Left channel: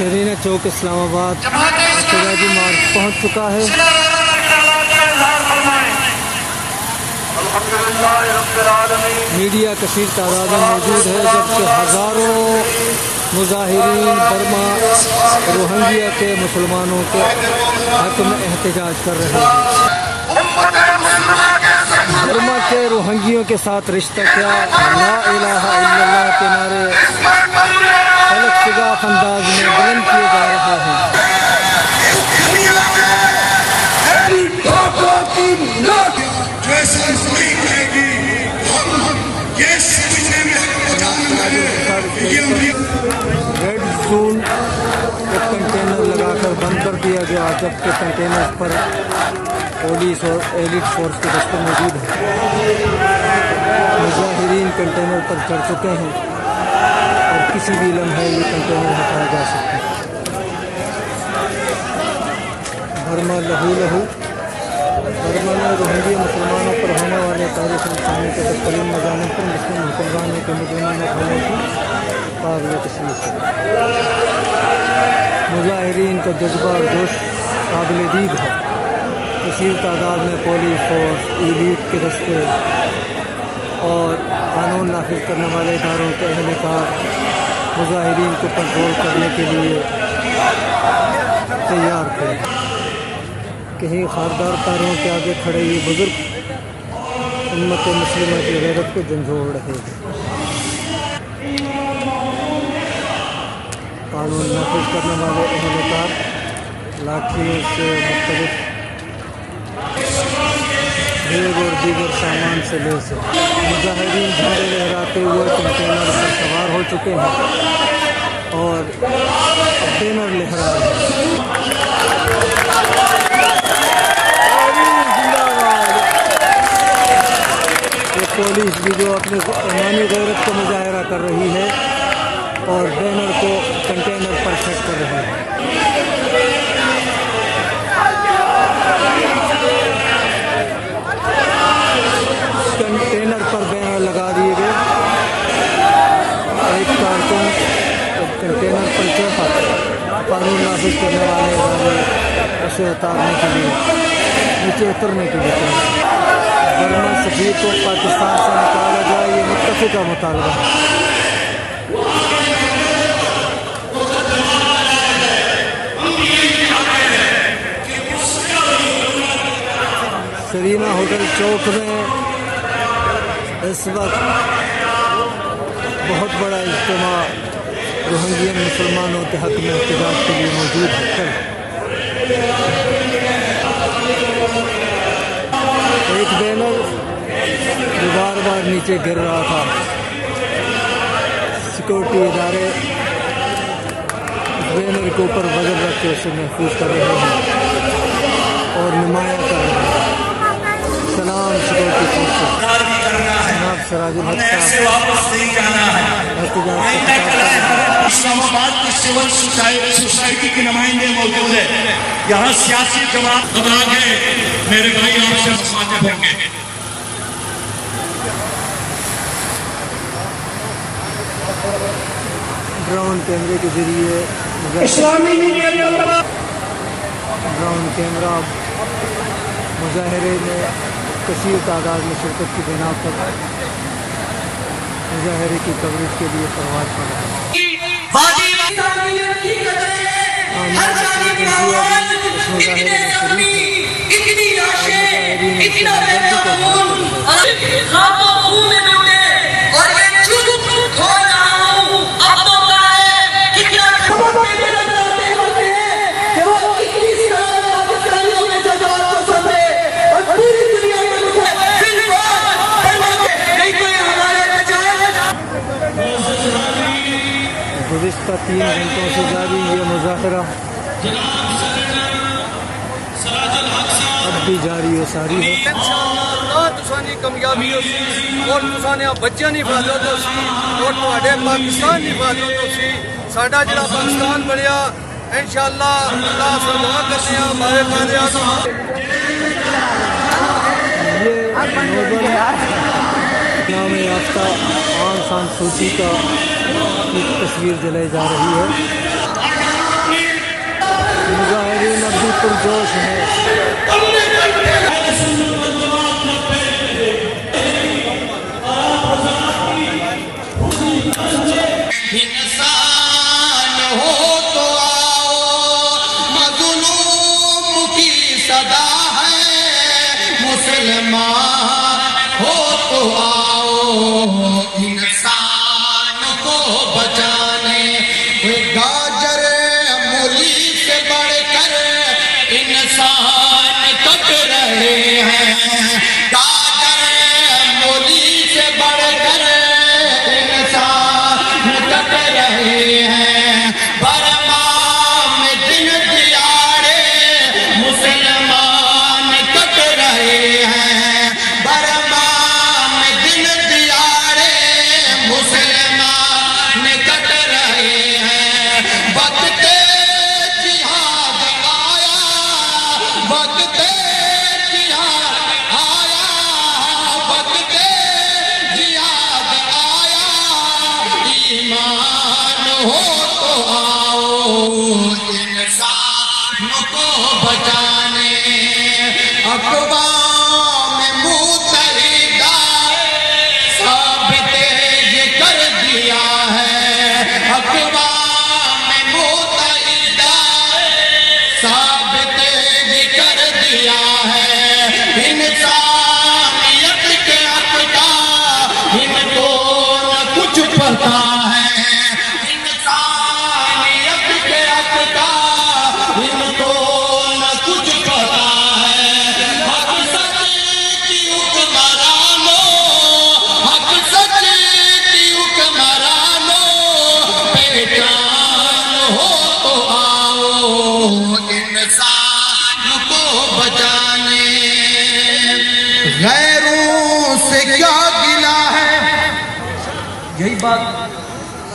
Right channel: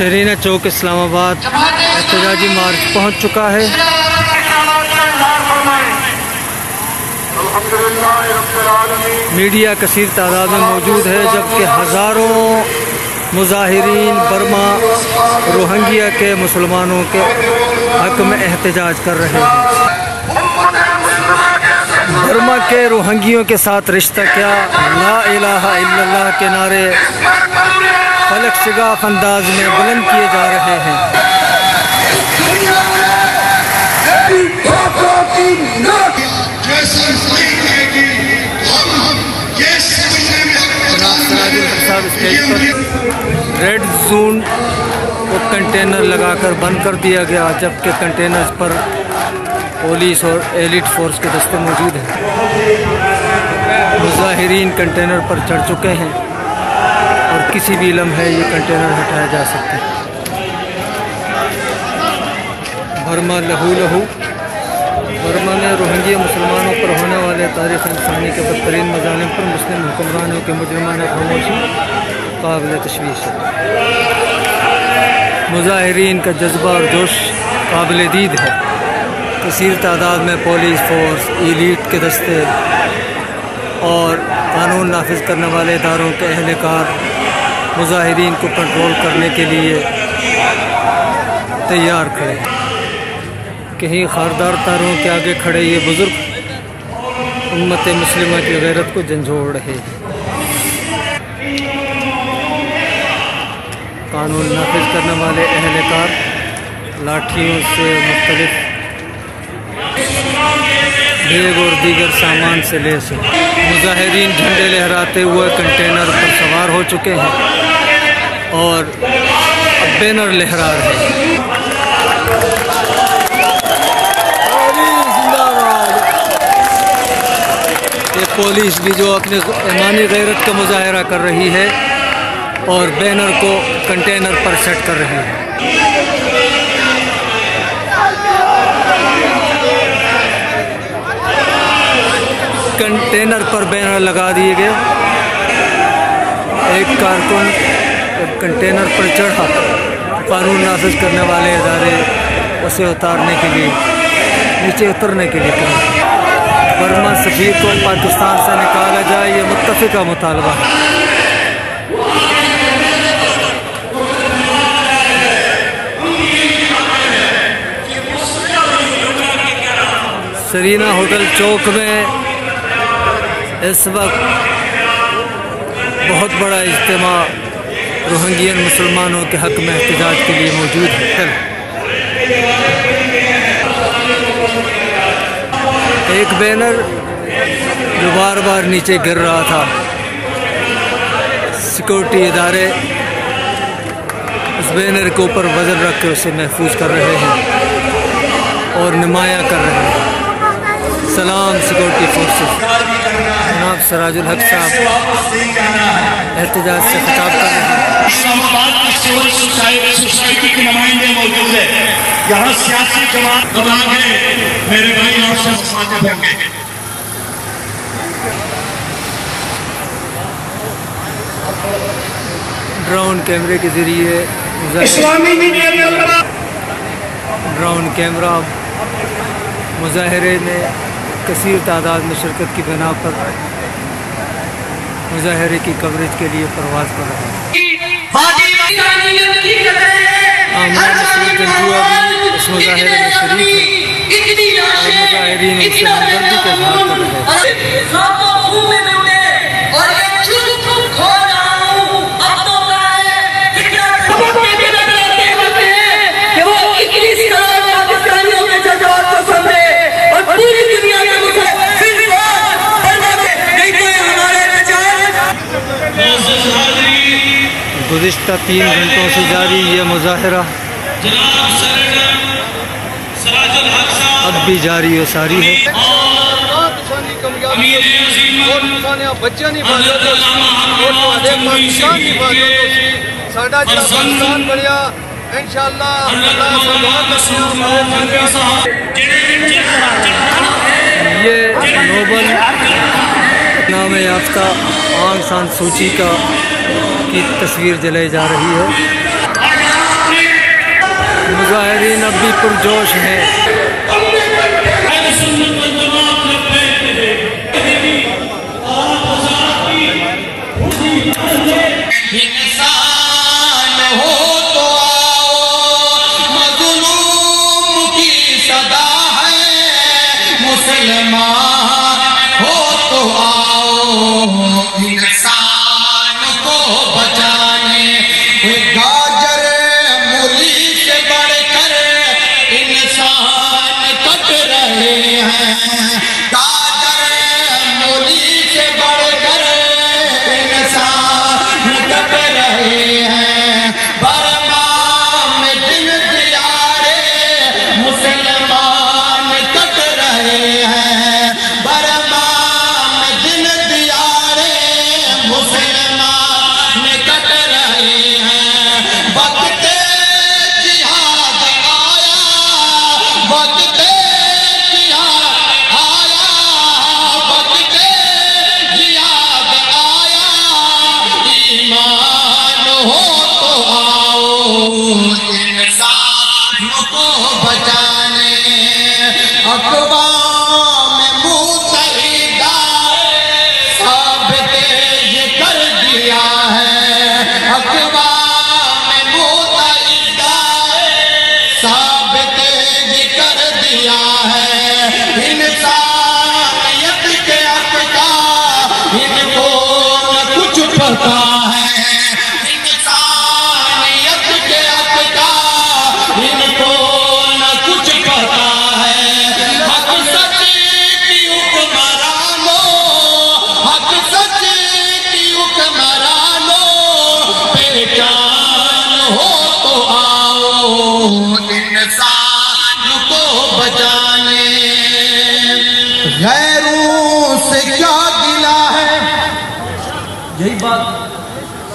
शरीना चौक इस्लामाबाद एहतजाजी मार्च पहुंच चुका है। मीडिया कसीर तादाद में मौजूद है, जबकि हजारों मुजाहिरीन बर्मा रोहिंग्या के मुसलमानों के हक में एहतजाज कर रहे हैं। बर्मा के रोहिंग्यों के साथ रिश्ता क्या, ला इलाहा इल्लल्लाह के नारे फलक शगाफ अंदाज में बुलंद किए जा रहे हैं। रेड जोन को कंटेनर लगाकर बंद कर दिया गया, जबकि कंटेनर्स पर पुलिस और एलिट फोर्स के दस्ते मौजूद हैं। मुजाहिरीन कंटेनर पर चढ़ चुके हैं और किसी भी लम्हे ये कंटेनर हटाया जा सकता है। बर्मा लहू लहू। बर्मा ने रोहिंग्या मुसलमानों पर होने वाले तारीख इंसानी के बदतरीन मज़ालिम पर मुस्लिम मुसलमानों के मुजरमाना खामोशी काबिल तशवीश। मुजाहिरीन का जज्बा और जोश काबिल दीद है। कसीर तादाद में पुलिस फोर्स, एलीट के दस्ते और कानून नाफिज करने वाले इदारों के अहलकार मुजाहिरीन को कंट्रोल करने के लिए तैयार खड़े। कहीं खारदार तारों के आगे खड़े ये बुजुर्ग उम्मत मुस्लिमा की गैरत को झंझोड़ रहे। कानून नाफिज करने वाले अहलकार लाठियों से मुख्तलिफ बैग और दीगर सामान से लैस हैं। मुजाहिरीन झंडे लहराते हुए कंटेनर पर सवार हो चुके हैं और बैनर लहरा रहे हैं। ये पुलिस भी जो अपने ईमानी गैरत का मुजाहरा कर रही है और बैनर को कंटेनर पर सेट कर रही है। कंटेनर पर बैनर लगा दिए गए। एक कारकुन कंटेनर पर चढ़ा, कानून नाफिज करने वाले इदारे उसे उतारने के लिए, नीचे उतरने के लिए कहा। बर्मा सफीर को पाकिस्तान से निकाला जाए, ये मुत्तफिका मुतालबा। शरीना होटल चौक में इस वक्त बहुत बड़ा इज्तिमा रोहिंग्यन मुसलमानों के हक में एहतजाज के लिए मौजूद है। एक बैनर जो बार बार नीचे गिर रहा था, सिक्योरिटी इदारे उस बैनर के ऊपर वजन रख के उसे महफूज कर रहे हैं और नुमायां कर रहे हैं। सलाम सिक्योरिटी फोर्सेस। जनाब सराजुल हक साहब एहतजाज से खिताब कर रहे हैं। इस्लामाबाद की सिविल सोसाइटी के नुमाइंदे मौजूद है। यहाँ सियासी जवान अब आगे मेरे भाई आपसे मुखातिब होंगे। ड्रोन कैमरे के जरिए ड्रोन कैमरा मुजाहरे में कसीर तादाद में शिरकत की बिना पर मुजाहरे की कवरेज के लिए प्रवास कर रहे हैं। गुज़िश्ता 3 घंटों से जारी ये मुज़ाहरा अब भी जारी है, सारी है। ये नोबल नाम याफ्ता आम खान सूची की तस्वीर जलाई जा रही है। अब भी पुरजोश है।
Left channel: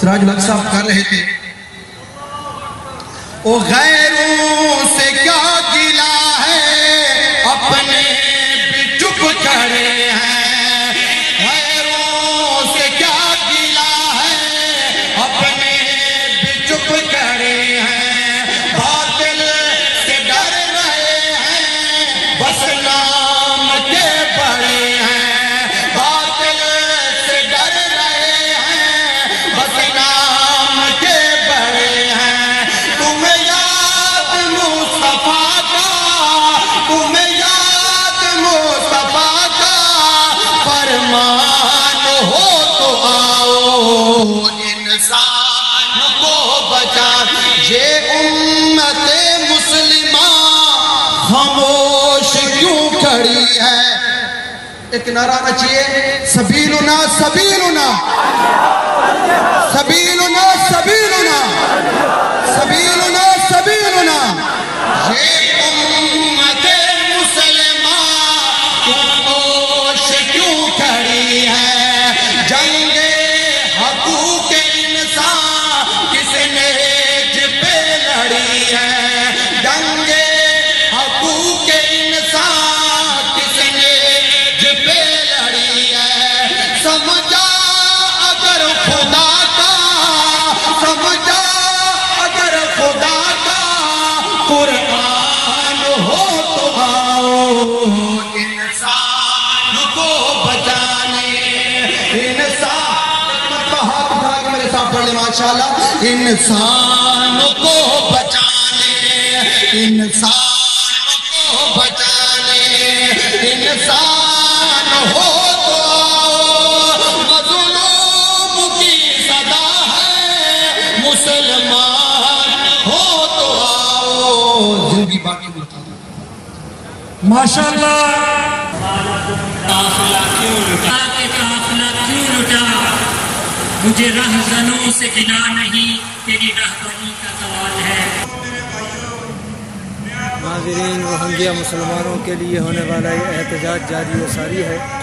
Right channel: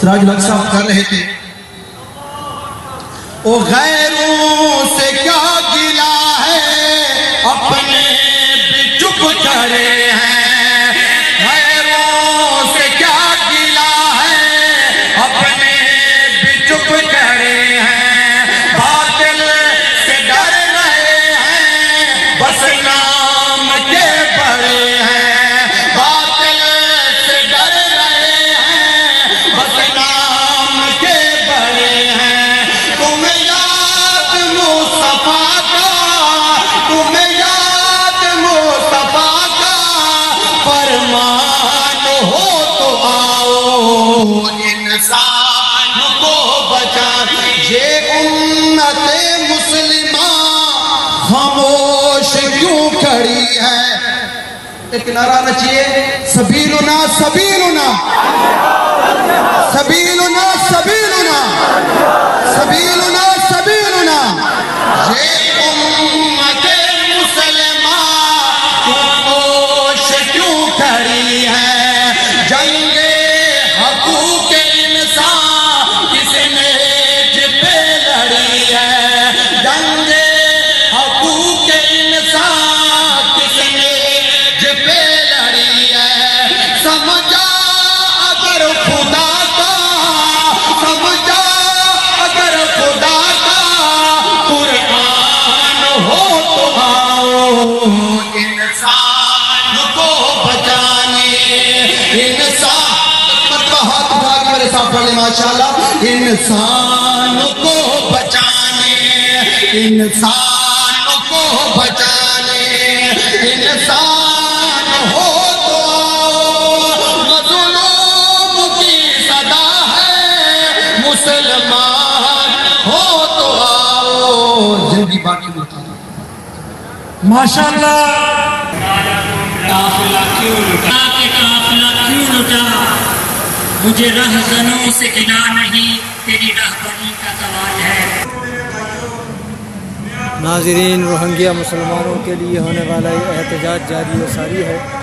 سراج الحق صاحب کر رہے تھے، او غیروں سے کیا گلا ہے اپنے بھی چپ کرے ہیں، غیروں سے کیا گلا ہے اپنے بھی چپ کرے ہیں، باطل سے ڈر رہے ہیں بس نام کے پڑے ہیں، ایک نعرہ آنا چاہیے، سبیلنا سبیلنا سبیلنا سبیلنا سبیلنا سبیلنا، یہ امت مسلمہ خاموش کیوں کھڑی ہے، جنگ حقوق انسان کس نے پہ لڑی ہے، جنگ حقوق انسان کس نے سمجھا اگر خدا کا، سمجھا اگر خدا کا قرآن ہو تو آؤ انسان کو بچانے، انسان ماشاءاللہ، انسان کو بچانے، انسان کو بچانے، انسان ہو ماشاءاللہ۔ مجھے رہزنوں سے گلا نہیں، تیری رہبری کا سوال ہے۔ ناظرین، روہنگیا مسلمانوں کے لیے ہونے والا یہ احتجاج جاری و ساری ہے۔